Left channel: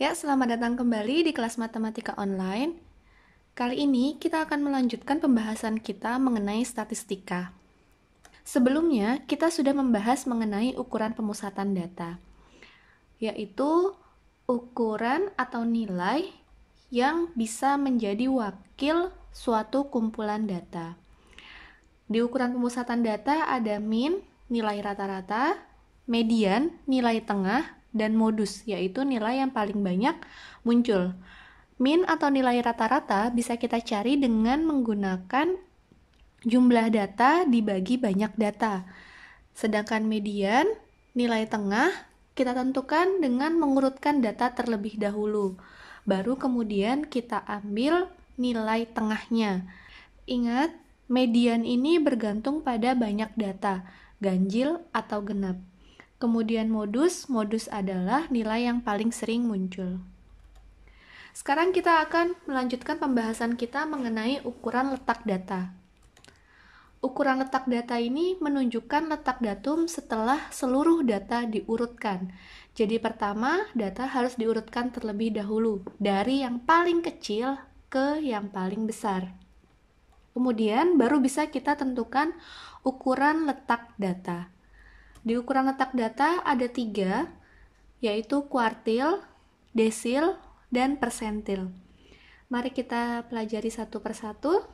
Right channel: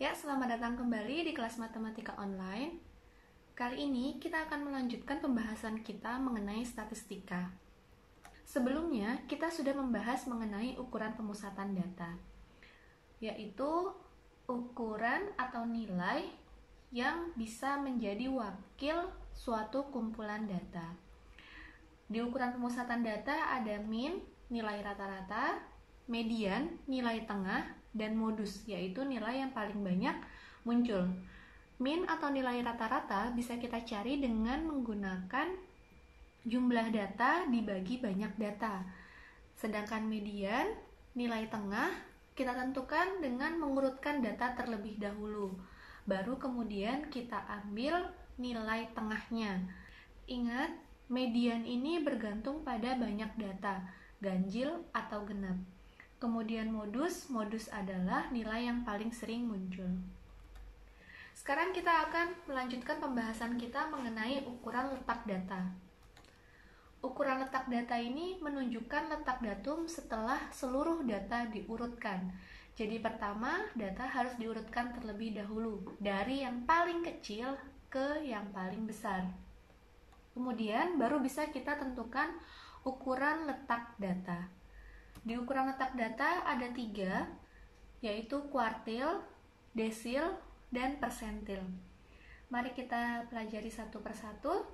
Ya, selamat datang kembali di kelas matematika online. Kali ini kita akan melanjutkan pembahasan kita mengenai statistika. Sebelumnya, kita sudah membahas mengenai ukuran pemusatan data, yaitu ukuran atau nilai yang bisa menjadi wakil suatu kumpulan data. Di ukuran pemusatan data ada min, nilai rata-rata, median, nilai tengah, dan modus, yaitu nilai yang paling banyak muncul. Min atau nilai rata-rata bisa kita cari dengan menggunakan jumlah data dibagi banyak data. Sedangkan median, nilai tengah, kita tentukan dengan mengurutkan data terlebih dahulu. Baru kemudian kita ambil nilai tengahnya. Ingat, median ini bergantung pada banyak data, ganjil atau genap. Kemudian modus adalah nilai yang paling sering muncul. Sekarang kita akan melanjutkan pembahasan kita mengenai ukuran letak data. Ukuran letak data ini menunjukkan letak datum setelah seluruh data diurutkan. Jadi pertama, data harus diurutkan terlebih dahulu, dari yang paling kecil ke yang paling besar. Kemudian baru bisa kita tentukan ukuran letak data. Di ukuran letak data ada 3, yaitu kuartil, desil, dan persentil. Mari kita pelajari satu persatu.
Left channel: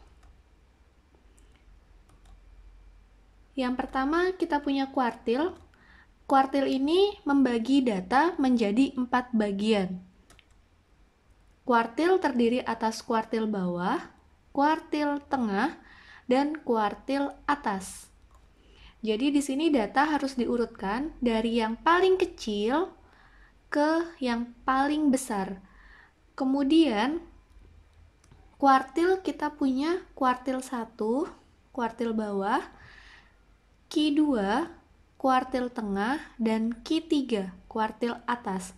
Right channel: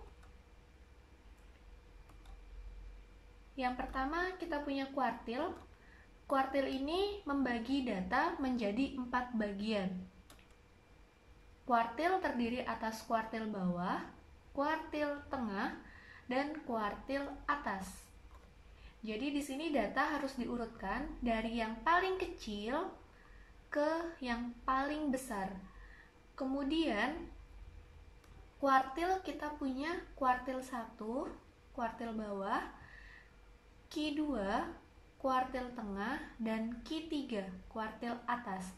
Yang pertama kita punya kuartil. Kuartil ini membagi data menjadi 4 bagian. Kuartil terdiri atas kuartil bawah, kuartil tengah, dan kuartil atas. Jadi di sini data harus diurutkan dari yang paling kecil ke yang paling besar. Kemudian kuartil kita punya kuartil 1, kuartil bawah, Q2, kuartil tengah, dan Q3, kuartil atas.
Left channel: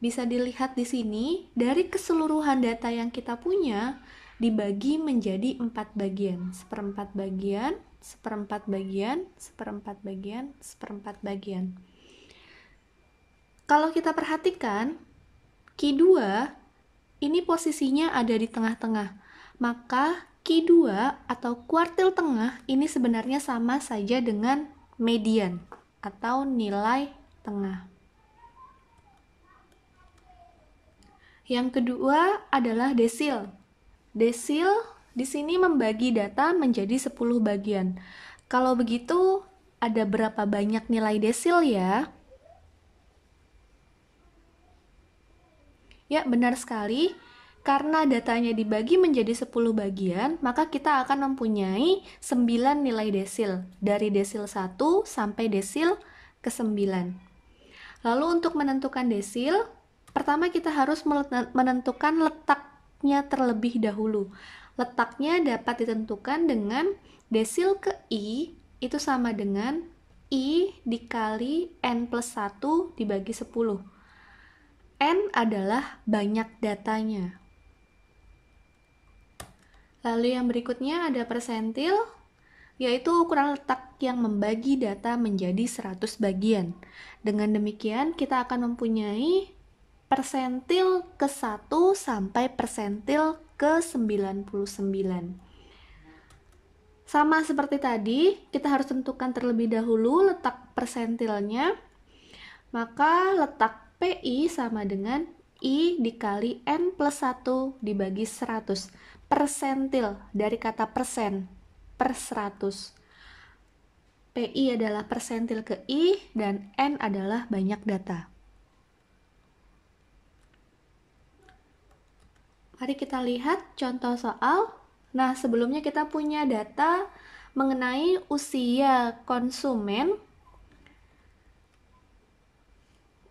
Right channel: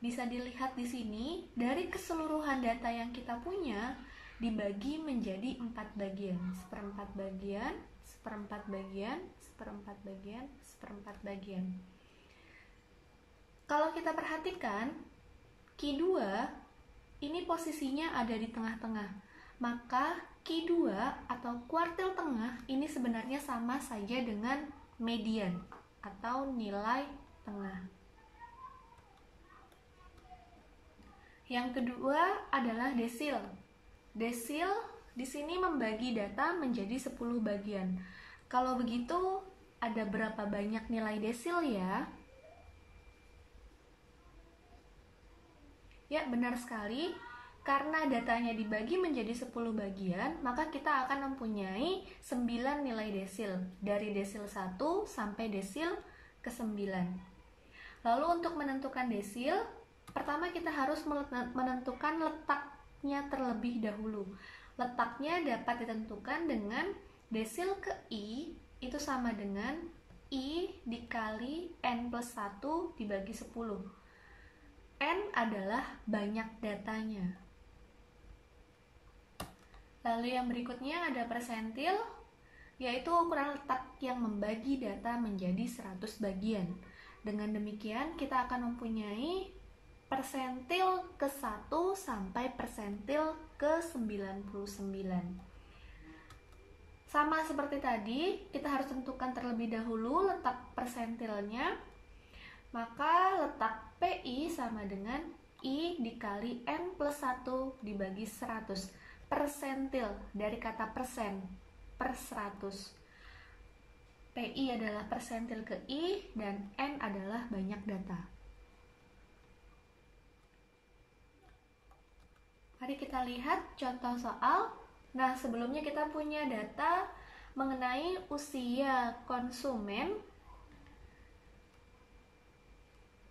Bisa dilihat di sini, dari keseluruhan data yang kita punya dibagi menjadi 4 bagian, seperempat bagian, seperempat bagian, seperempat bagian, seperempat bagian. Kalau kita perhatikan, Q2 ini posisinya ada di tengah-tengah. Maka Q2 atau kuartil tengah ini sebenarnya sama saja dengan median atau nilai tengah. Yang kedua adalah desil. Desil di sini membagi data menjadi 10 bagian. Kalau begitu, ada berapa banyak nilai desil ya? Ya, benar sekali. Karena datanya dibagi menjadi 10 bagian, maka kita akan mempunyai 9 nilai desil. Dari desil 1 sampai desil ke-9. Lalu untuk menentukan desil, pertama kita harus menentukan letaknya terlebih dahulu. Letaknya dapat ditentukan dengan desil ke I itu sama dengan I dikali N plus 1 dibagi 10. N adalah banyak datanya. Lalu yang berikutnya ada persentil, yaitu ukuran letak yang membagi data menjadi 100 bagian. Dengan demikian, kita akan mempunyai persentil ke-1 sampai persentil ke-99. Sama seperti tadi, kita harus tentukan terlebih dahulu letak persentilnya. Maka letak PI sama dengan I dikali N plus 1 dibagi 100. Persentil dari kata persen, per 100. PI adalah persentil ke I dan N adalah banyak data. Mari kita lihat contoh soal. Nah, sebelumnya kita punya data mengenai usia konsumen.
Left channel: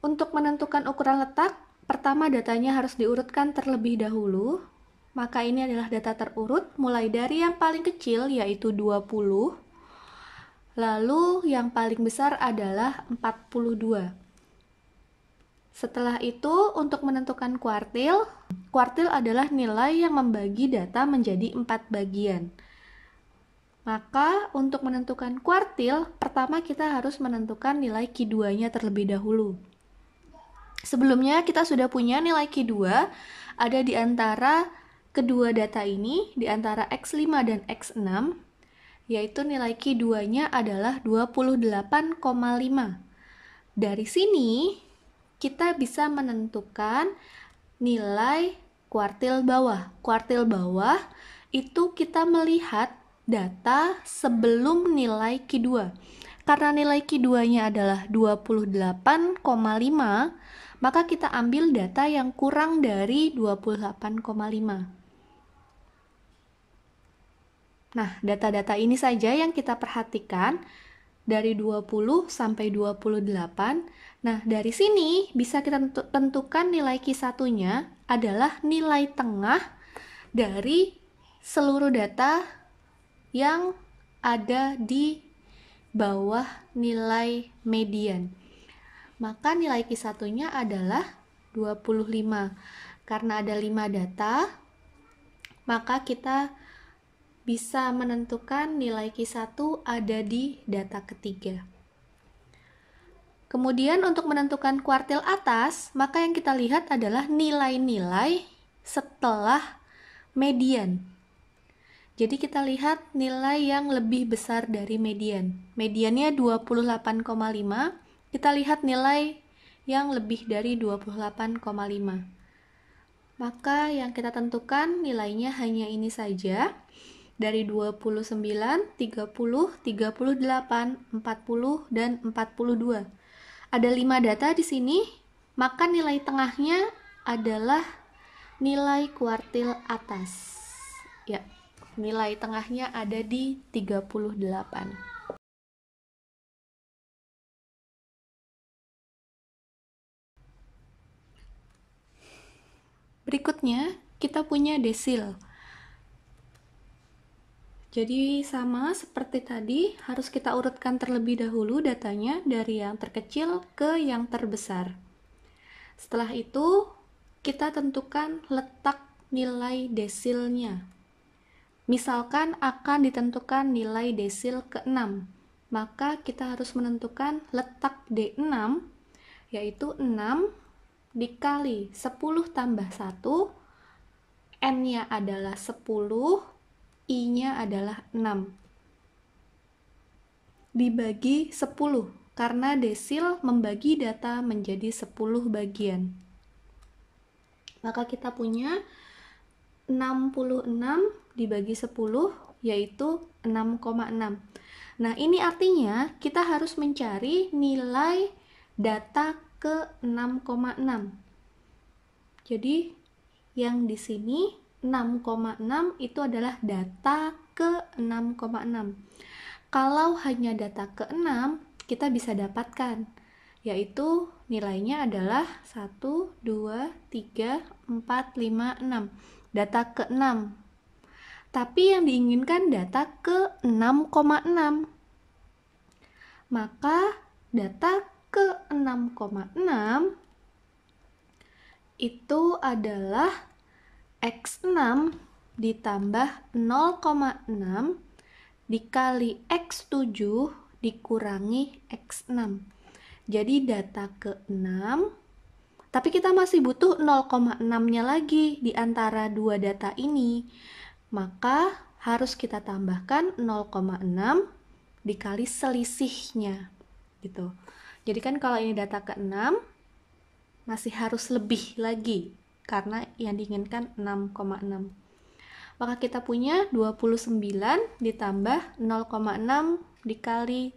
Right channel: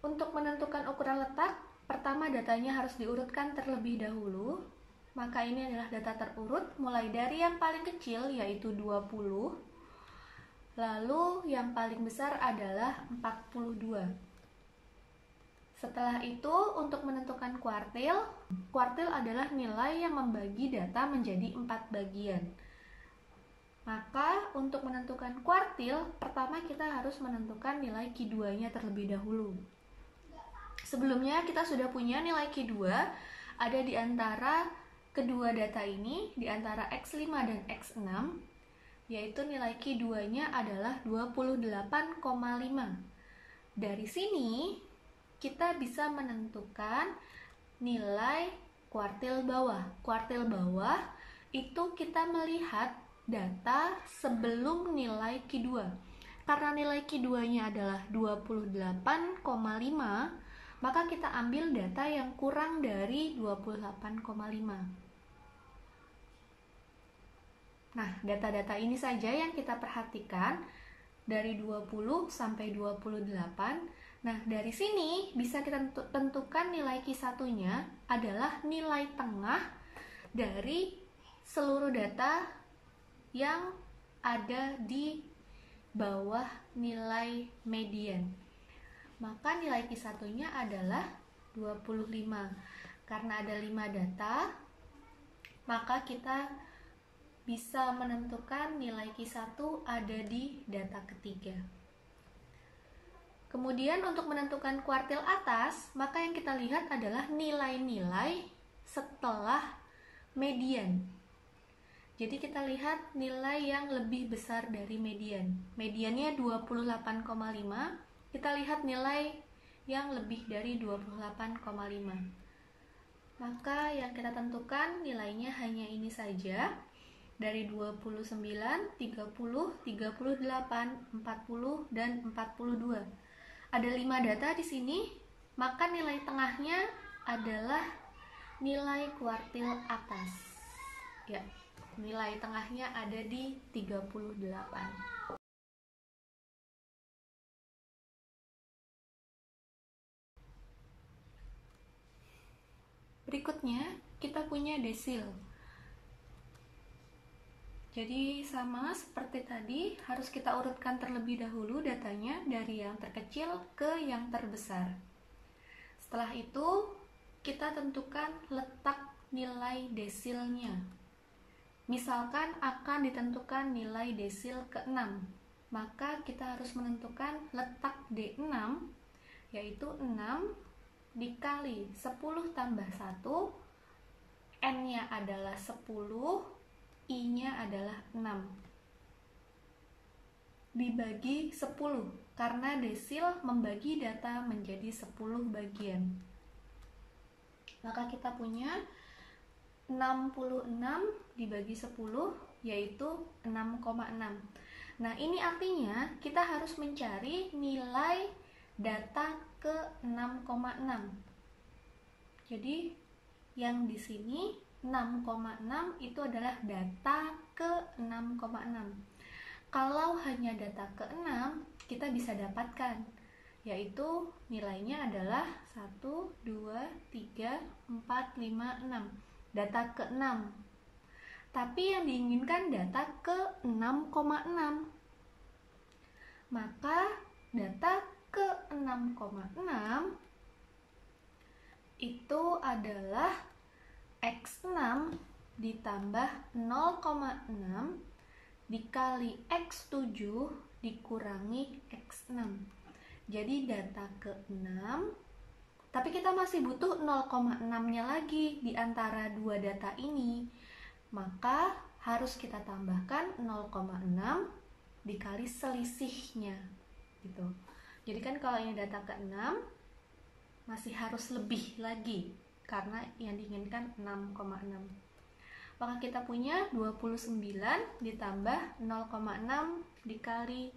Untuk menentukan ukuran letak, pertama datanya harus diurutkan terlebih dahulu. Maka ini adalah data terurut mulai dari yang paling kecil yaitu 20. Lalu yang paling besar adalah 42. Setelah itu untuk menentukan kuartil, kuartil adalah nilai yang membagi data menjadi 4 bagian. Maka untuk menentukan kuartil, pertama kita harus menentukan nilai Q2-nya terlebih dahulu. Sebelumnya kita sudah punya nilai Q2 ada di antara kedua data ini, di antara X5 dan X6, yaitu nilai Q2-nya adalah 28,5. Dari sini, kita bisa menentukan nilai kuartil bawah. Kuartil bawah itu kita melihat data sebelum nilai Q2. Karena nilai Q2-nya adalah 28,5, maka kita ambil data yang kurang dari 28,5. Nah, data-data ini saja yang kita perhatikan dari 20 sampai 28. Nah, dari sini bisa kita tentukan nilai Q1-nya adalah nilai tengah dari seluruh data yang ada di bawah nilai median. Maka nilai Q1-nya adalah 25. Karena ada 5 data, maka kita bisa menentukan nilai Q1 ada di data ketiga. Kemudian untuk menentukan kuartil atas, maka yang kita lihat adalah nilai-nilai setelah median. Jadi kita lihat nilai yang lebih besar dari median. Mediannya 28,5. Kita lihat nilai yang lebih dari 28,5. Maka yang kita tentukan nilainya hanya ini saja. Dari 29, 30, 38, 40, dan 42. Ada 5 data di sini, maka nilai tengahnya adalah nilai kuartil atas. Ya, nilai tengahnya ada di 38. Berikutnya, kita punya desil. Jadi sama seperti tadi, harus kita urutkan terlebih dahulu datanya dari yang terkecil ke yang terbesar. Setelah itu, kita tentukan letak nilai desilnya. Misalkan akan ditentukan nilai desil ke-6, maka kita harus menentukan letak D6, yaitu 6 dikali 10 tambah 1, N-nya adalah 10, I-nya adalah 6. Dibagi 10, karena desil membagi data menjadi 10 bagian. Maka kita punya 66 dibagi 10, yaitu 6,6. Nah, ini artinya kita harus mencari nilai data ke 6,6. Jadi, yang di sini 6,6 itu adalah data ke 6,6. Kalau hanya data ke-6, kita bisa dapatkan, yaitu nilainya adalah 1, 2, 3, 4, 5, 6. Data ke-6. Tapi yang diinginkan data ke-6,6. Maka data ke-6,6 itu adalah X6 ditambah 0,6 dikali X7 dikurangi X6. Jadi data ke-6, tapi kita masih butuh 0,6-nya lagi di antara dua data ini. Maka harus kita tambahkan 0,6 dikali selisihnya. Gitu. Jadi kan kalau ini data ke-6, masih harus lebih lagi, karena yang diinginkan 6,6. Maka kita punya 29 ditambah 0,6 dikali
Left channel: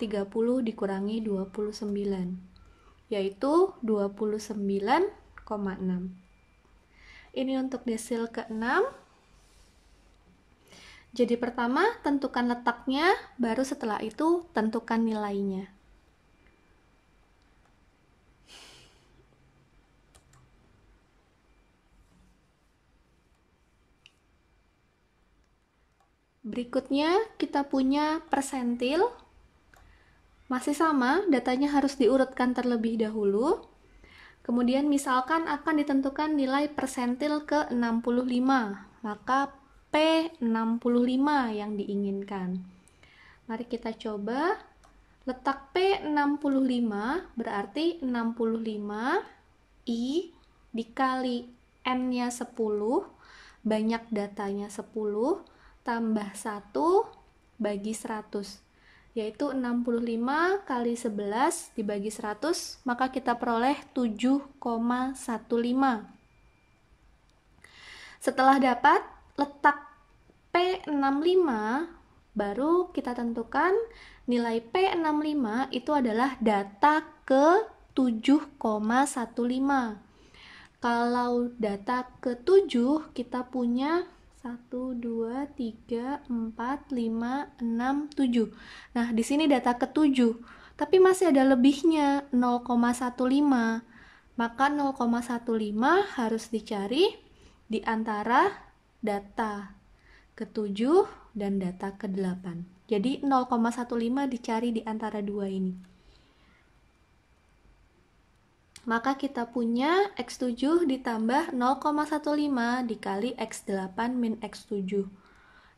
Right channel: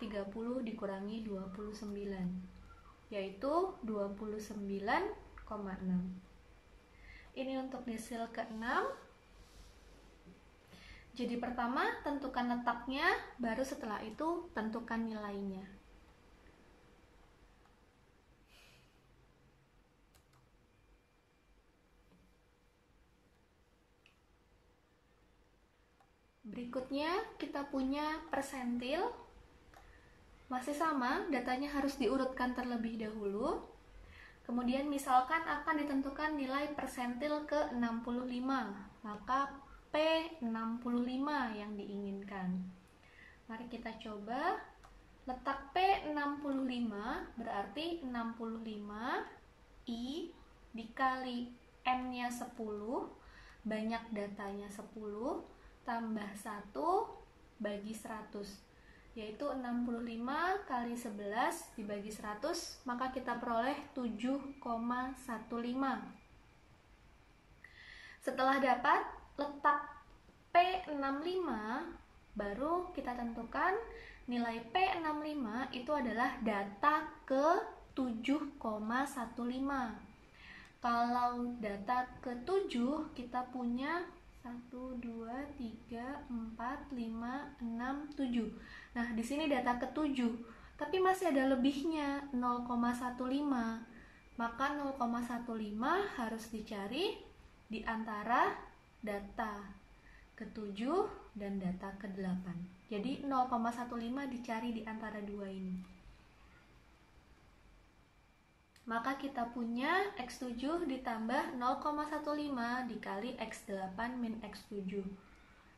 30 dikurangi 29, yaitu 29,6. Ini untuk desil ke-6. Jadi pertama tentukan letaknya, baru setelah itu tentukan nilainya. Berikutnya kita punya persentil. Masih sama, datanya harus diurutkan terlebih dahulu. Kemudian misalkan akan ditentukan nilai persentil ke 65, maka P65 yang diinginkan. Mari kita coba. Letak P65 berarti 65 I dikali N-nya 10, banyak datanya 10, tambah 1 bagi 100, yaitu 65 kali 11 dibagi 100, maka kita peroleh 7,15. Setelah dapat letak P65, baru kita tentukan nilai P65 itu adalah data ke 7,15. Kalau data ke-7 kita punya 1, 2, 3, 4, 5, 6, 7. Nah, di sini data ke-7, tapi masih ada lebihnya 0,15. Maka 0,15 harus dicari di antara data ke-7 dan data ke-8. Jadi 0,15 dicari di antara dua ini. Maka kita punya X7 ditambah 0,15 dikali X8 min X7,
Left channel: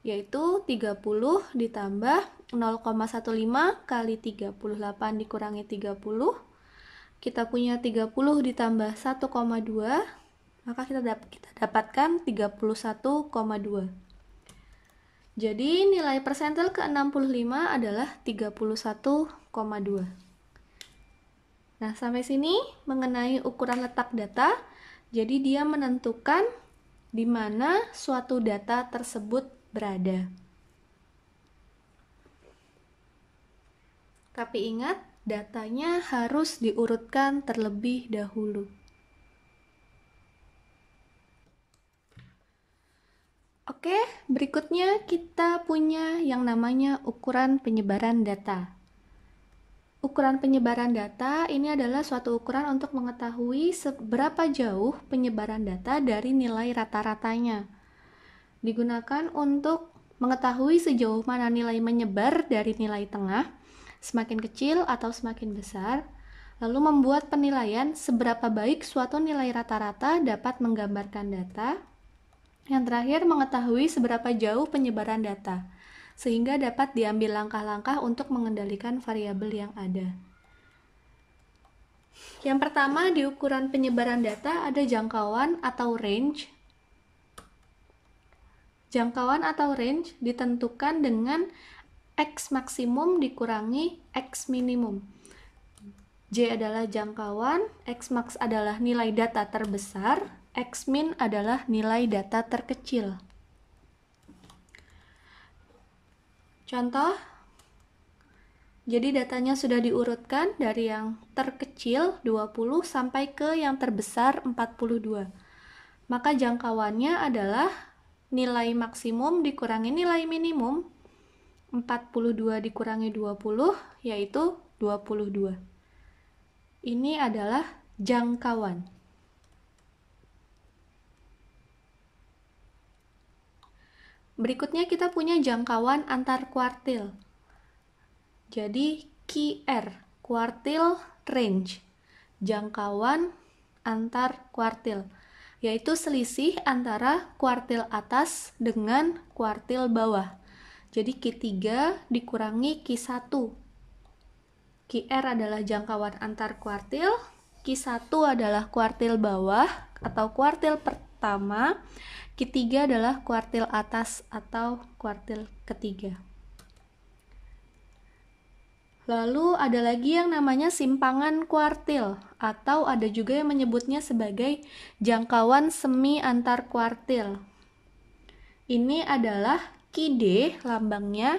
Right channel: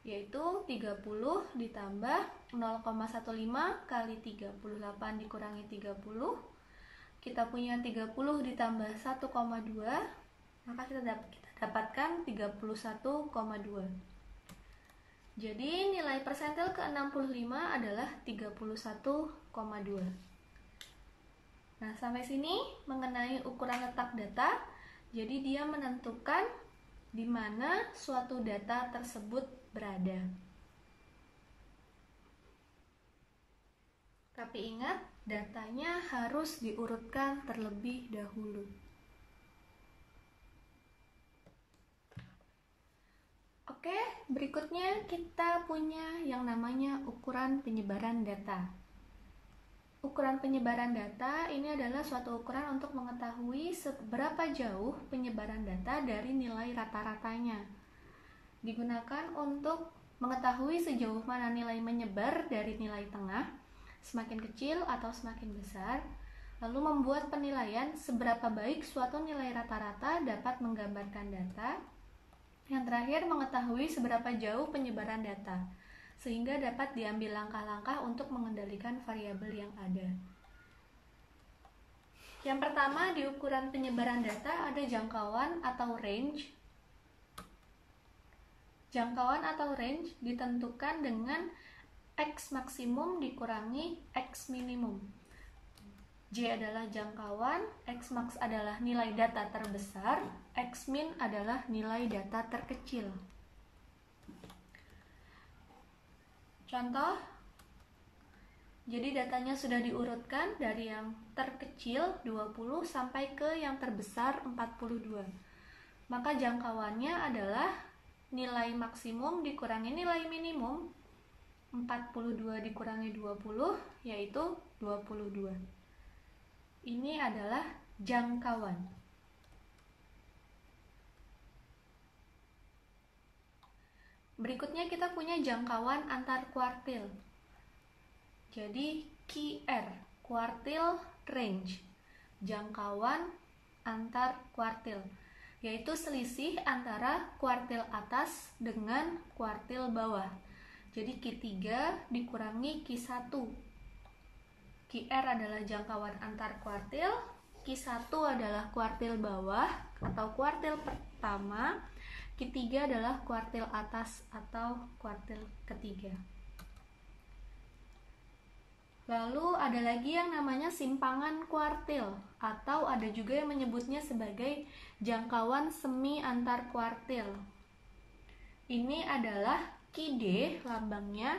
yaitu 30 ditambah 0,15 kali 38 dikurangi 30. Kita punya 30 ditambah 1,2, maka kita dapatkan 31,2. Jadi nilai persentil ke-65 adalah 31,2. Nah, sampai sini mengenai ukuran letak data, jadi dia menentukan di mana suatu data tersebut berada. Tapi ingat, datanya harus diurutkan terlebih dahulu. Oke, berikutnya kita punya yang namanya ukuran penyebaran data. Ukuran penyebaran data ini adalah suatu ukuran untuk mengetahui seberapa jauh penyebaran data dari nilai rata-ratanya. Digunakan untuk mengetahui sejauh mana nilai menyebar dari nilai tengah, semakin kecil atau semakin besar, lalu membuat penilaian seberapa baik suatu nilai rata-rata dapat menggambarkan data. Yang terakhir, mengetahui seberapa jauh penyebaran data, sehingga dapat diambil langkah-langkah untuk mengendalikan variabel yang ada. Yang pertama, di ukuran penyebaran data ada jangkauan atau range. Jangkauan atau range ditentukan dengan X maksimum dikurangi X minimum. J adalah jangkauan, X max adalah nilai data terbesar, X min adalah nilai data terkecil. Contoh, jadi datanya sudah diurutkan dari yang terkecil 20 sampai ke yang terbesar 42. Maka jangkauannya adalah nilai maksimum dikurangi nilai minimum, 42 dikurangi 20, yaitu 22. Ini adalah jangkauan. Berikutnya kita punya jangkauan antar kuartil. Jadi QR, kuartil range, jangkauan antar kuartil, yaitu selisih antara kuartil atas dengan kuartil bawah. Jadi Q3 dikurangi Q1. QR adalah jangkauan antar kuartil, Q1 adalah kuartil bawah atau kuartil pertama, Q3 adalah kuartil atas atau kuartil ketiga. Lalu ada lagi yang namanya simpangan kuartil, atau ada juga yang menyebutnya sebagai jangkauan semi antar kuartil. Ini adalah Q D lambangnya,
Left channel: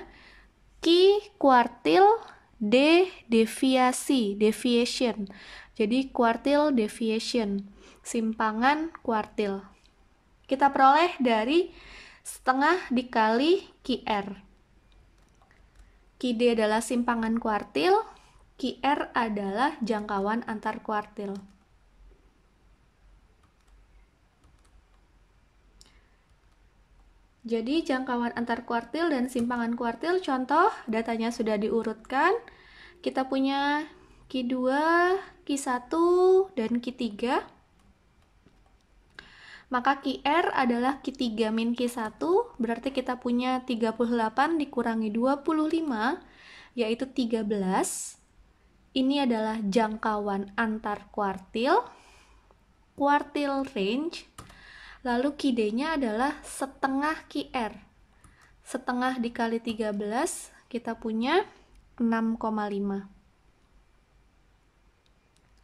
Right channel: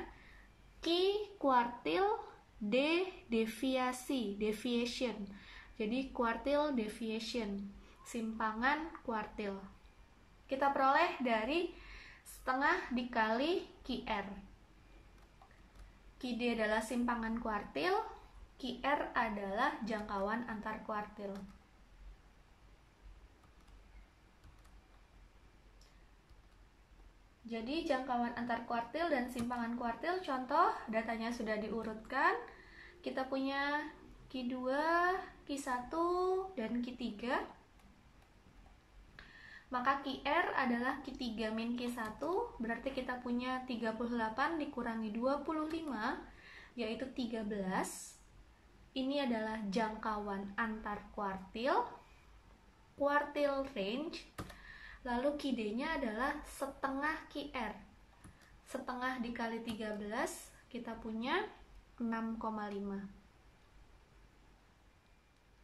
Q kuartil, D deviasi, deviation. Jadi kuartil deviation, simpangan kuartil. Kita peroleh dari setengah dikali QR. QD adalah simpangan kuartil, QR adalah jangkauan antar kuartil. Jadi jangkauan antar kuartil dan simpangan kuartil, contoh datanya sudah diurutkan. Kita punya Q2, Q1, dan Q3. Maka QR adalah Q3 min Q1, berarti kita punya 38 dikurangi 25, yaitu 13. Ini adalah jangkauan antar kuartil. quartile range, lalu QD-nya adalah setengah QR. Setengah dikali 13, kita punya 6,5.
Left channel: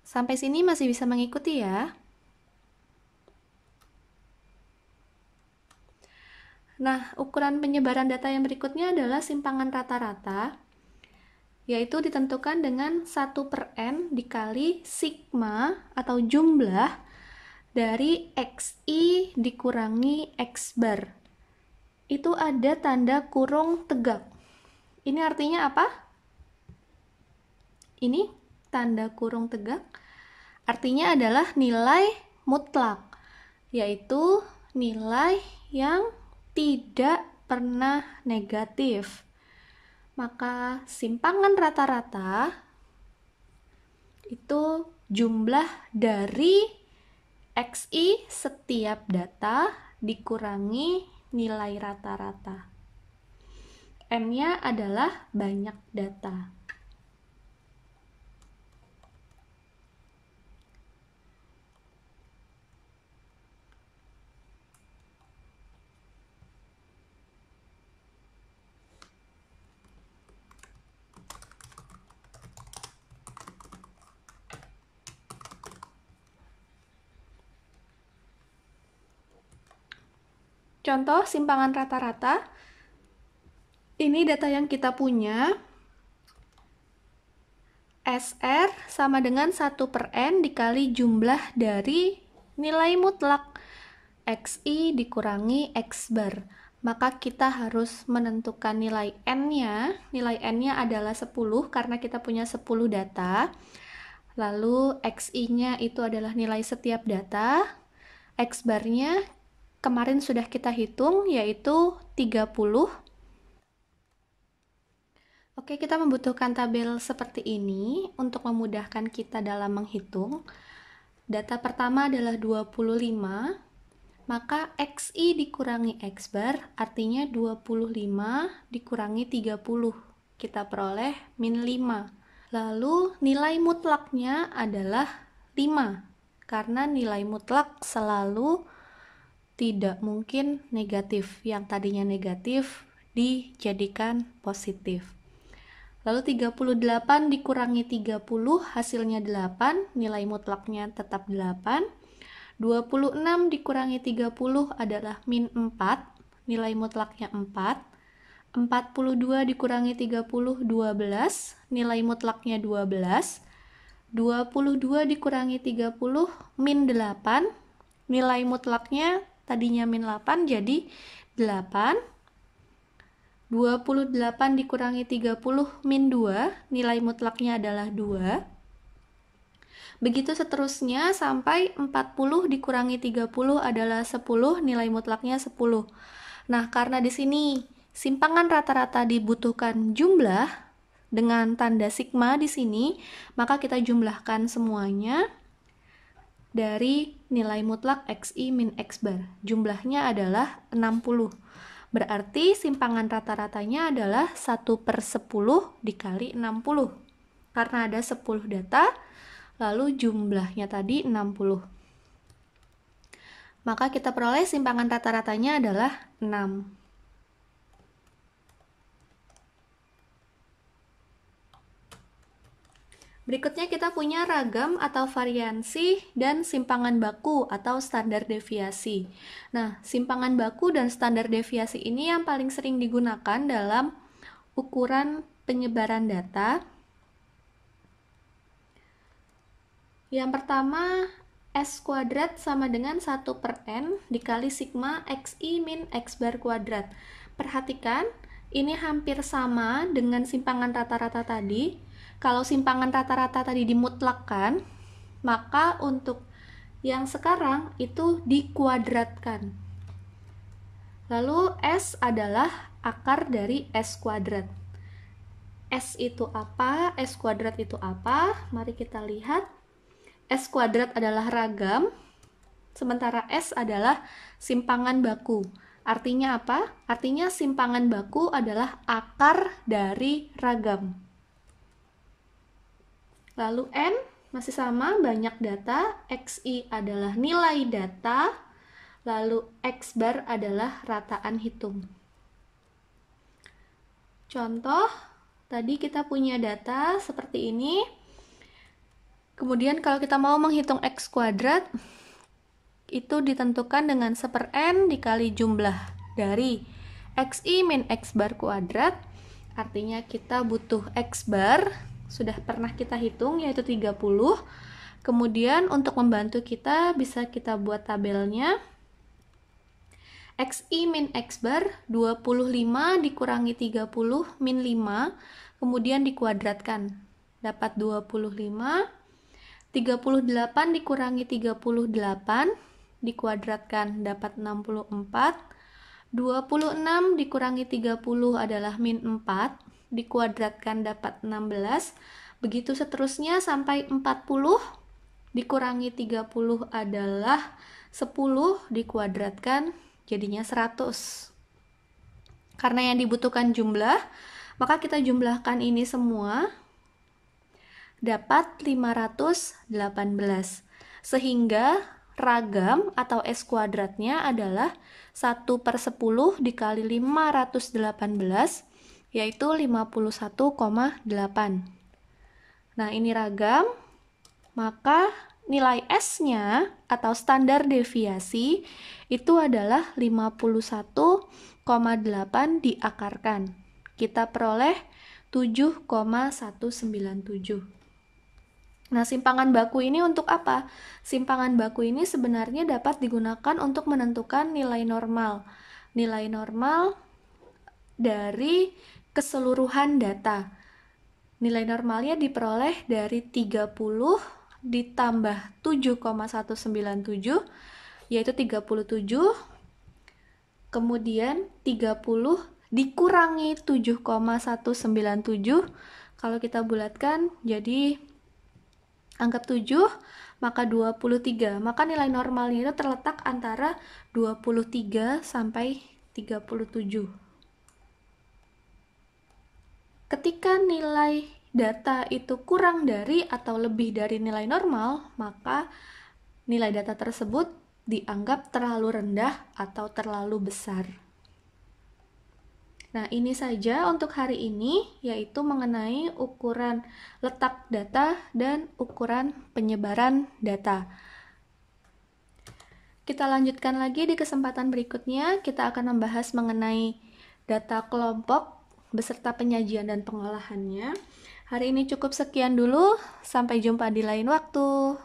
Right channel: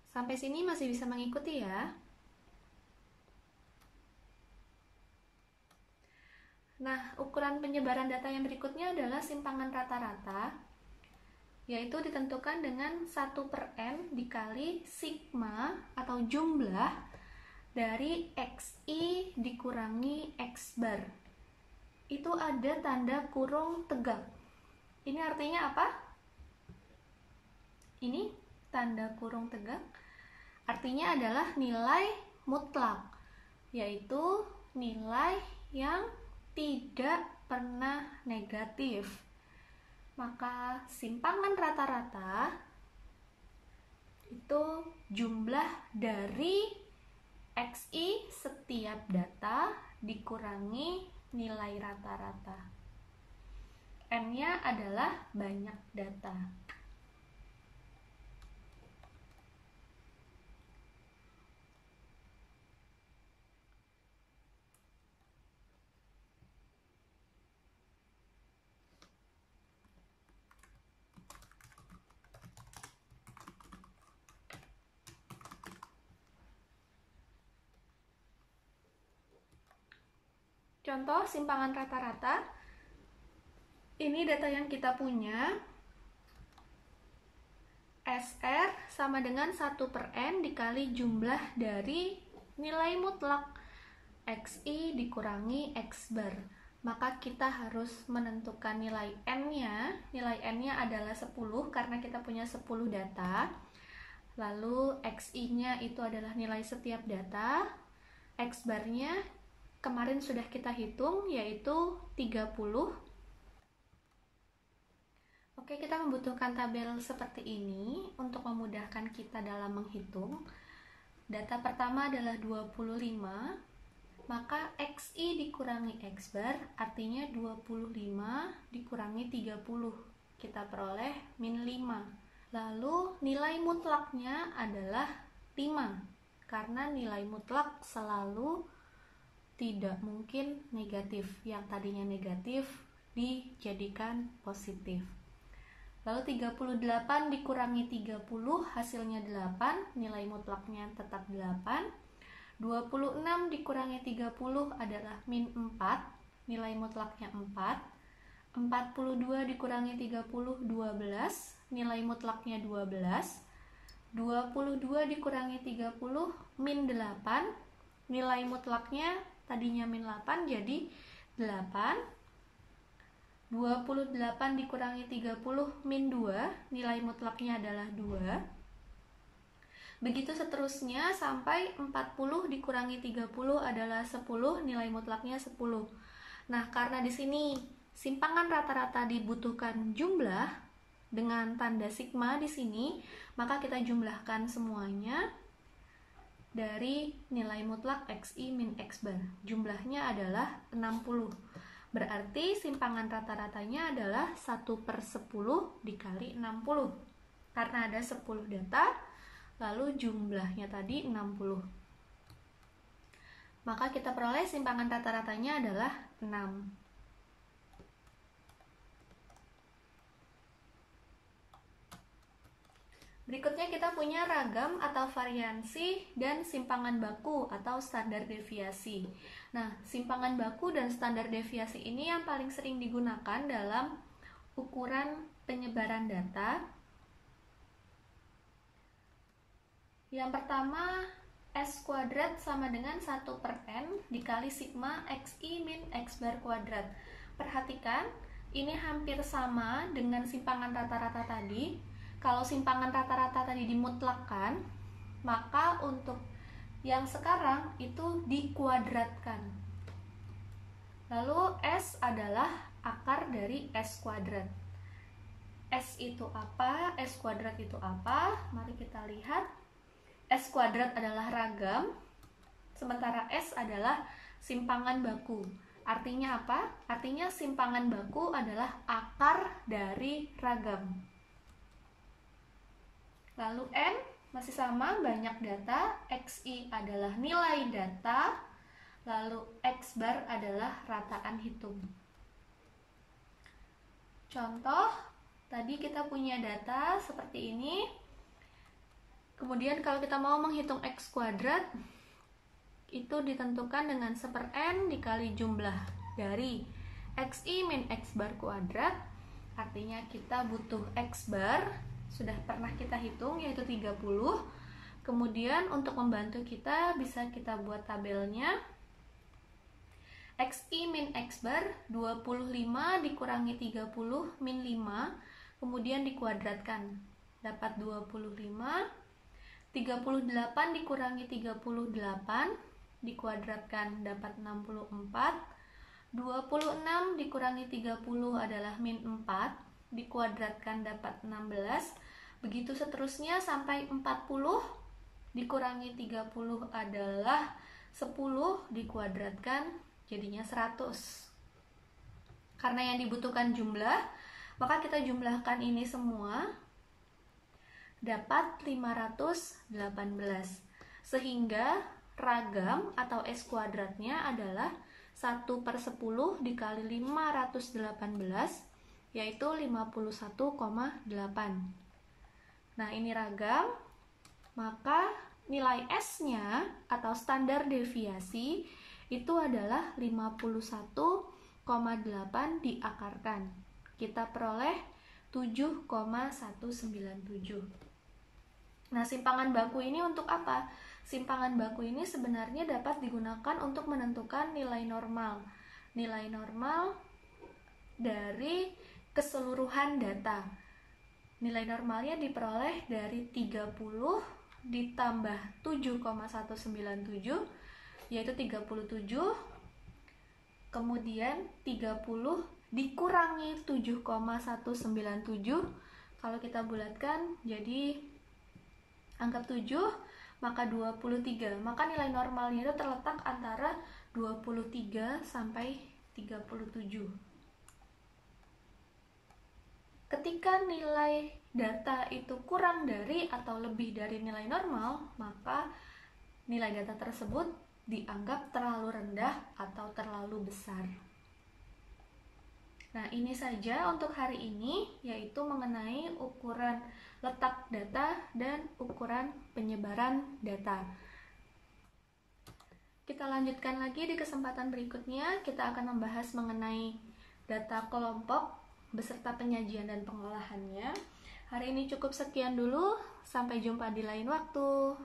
Sampai sini masih bisa mengikuti ya? Nah, ukuran penyebaran data yang berikutnya adalah simpangan rata-rata, yaitu ditentukan dengan 1/n dikali sigma atau jumlah dari XI dikurangi X bar. Itu ada tanda kurung tegak. Ini artinya apa? Ini tanda kurung tegak artinya adalah nilai mutlak, yaitu nilai yang tidak pernah negatif. Maka simpangan rata-rata itu jumlah dari XI setiap data dikurangi nilai rata-rata. N-nya adalah banyak data. Contoh simpangan rata-rata, ini data yang kita punya, SR sama dengan 1/n dikali jumlah dari nilai mutlak XI dikurangi X bar. Maka kita harus menentukan nilai N-nya. Nilai N-nya adalah 10 karena kita punya 10 data. Lalu XI-nya itu adalah nilai setiap data. X bar-nya kemarin sudah kita hitung, yaitu 30. Oke, kita membutuhkan tabel seperti ini untuk memudahkan kita dalam menghitung. Data pertama adalah 25, maka XI dikurangi X bar artinya 25 dikurangi 30. Kita peroleh min 5. Lalu nilai mutlaknya adalah 5, karena nilai mutlak selalu tidak mungkin negatif. Yang tadinya negatif dijadikan positif. Lalu 38 dikurangi 30 hasilnya 8, nilai mutlaknya tetap 8. 26 dikurangi 30 adalah min 4, nilai mutlaknya 4. 42 dikurangi 30, 12, nilai mutlaknya 12. 22 dikurangi 30, min 8, nilai mutlaknya tadinya min 8 jadi 8. 28 dikurangi 30 min 2, nilai mutlaknya adalah 2. Begitu seterusnya sampai 40 dikurangi 30 adalah 10, nilai mutlaknya 10. Nah, karena di sini simpangan rata-rata dibutuhkan jumlah dengan tanda sigma di sini, maka kita jumlahkan semuanya dari nilai mutlak XI min X bar. Jumlahnya adalah 60. Berarti simpangan rata-ratanya adalah 1/10 dikali 60. Karena ada 10 data, lalu jumlahnya tadi 60. Maka kita peroleh simpangan rata-ratanya adalah 6. Berikutnya kita punya ragam atau variansi dan simpangan baku atau standar deviasi. Nah, simpangan baku dan standar deviasi ini yang paling sering digunakan dalam ukuran penyebaran data. Yang pertama, S kuadrat sama dengan 1/n dikali sigma XI min X bar kuadrat. Perhatikan, ini hampir sama dengan simpangan rata-rata tadi. Kalau simpangan rata-rata tadi dimutlakkan, maka untuk yang sekarang itu dikuadratkan. Lalu S adalah akar dari S kuadrat. S itu apa? S kuadrat itu apa? Mari kita lihat. S kuadrat adalah ragam, sementara S adalah simpangan baku. Artinya apa? Artinya simpangan baku adalah akar dari ragam. Lalu N Masih sama, banyak data, XI adalah nilai data, lalu X bar adalah rataan hitung. Contoh, tadi kita punya data seperti ini. Kemudian kalau kita mau menghitung X kuadrat, itu ditentukan dengan 1/n dikali jumlah dari XI min X bar kuadrat. Artinya kita butuh X bar, sudah pernah kita hitung yaitu 30. Kemudian untuk membantu kita bisa kita buat tabelnya. XI min X bar 25 dikurangi 30 min 5, kemudian dikuadratkan. Dapat 25. 38 dikurangi 38 dikuadratkan dapat 64. 26 dikurangi 30 adalah min 4, dikuadratkan dapat 16. Begitu seterusnya sampai 40 dikurangi 30 adalah 10, dikuadratkan jadinya 100. Karena yang dibutuhkan jumlah, maka kita jumlahkan ini semua dapat 518. Sehingga ragam atau S kuadratnya adalah 1/10 dikali 518, yaitu 51,8. Nah, ini ragam, maka nilai S-nya atau standar deviasi itu adalah 51,8 diakarkan. Kita peroleh 7,197. Nah, simpangan baku ini untuk apa? Simpangan baku ini sebenarnya dapat digunakan untuk menentukan nilai normal. Nilai normal dari keseluruhan data. Nilai normalnya diperoleh dari 30 ditambah 7,197, yaitu 37. Kemudian 30 dikurangi 7,197. Kalau kita bulatkan jadi anggap 7, maka 23. Maka nilai normalnya itu terletak antara 23 sampai 37. Ketika nilai data itu kurang dari atau lebih dari nilai normal, maka nilai data tersebut dianggap terlalu rendah atau terlalu besar. Nah, ini saja untuk hari ini, yaitu mengenai ukuran letak data dan ukuran penyebaran data. Kita lanjutkan lagi di kesempatan berikutnya, kita akan membahas mengenai data kelompok beserta penyajian dan pengolahannya. Hari ini cukup sekian dulu, sampai jumpa di lain waktu.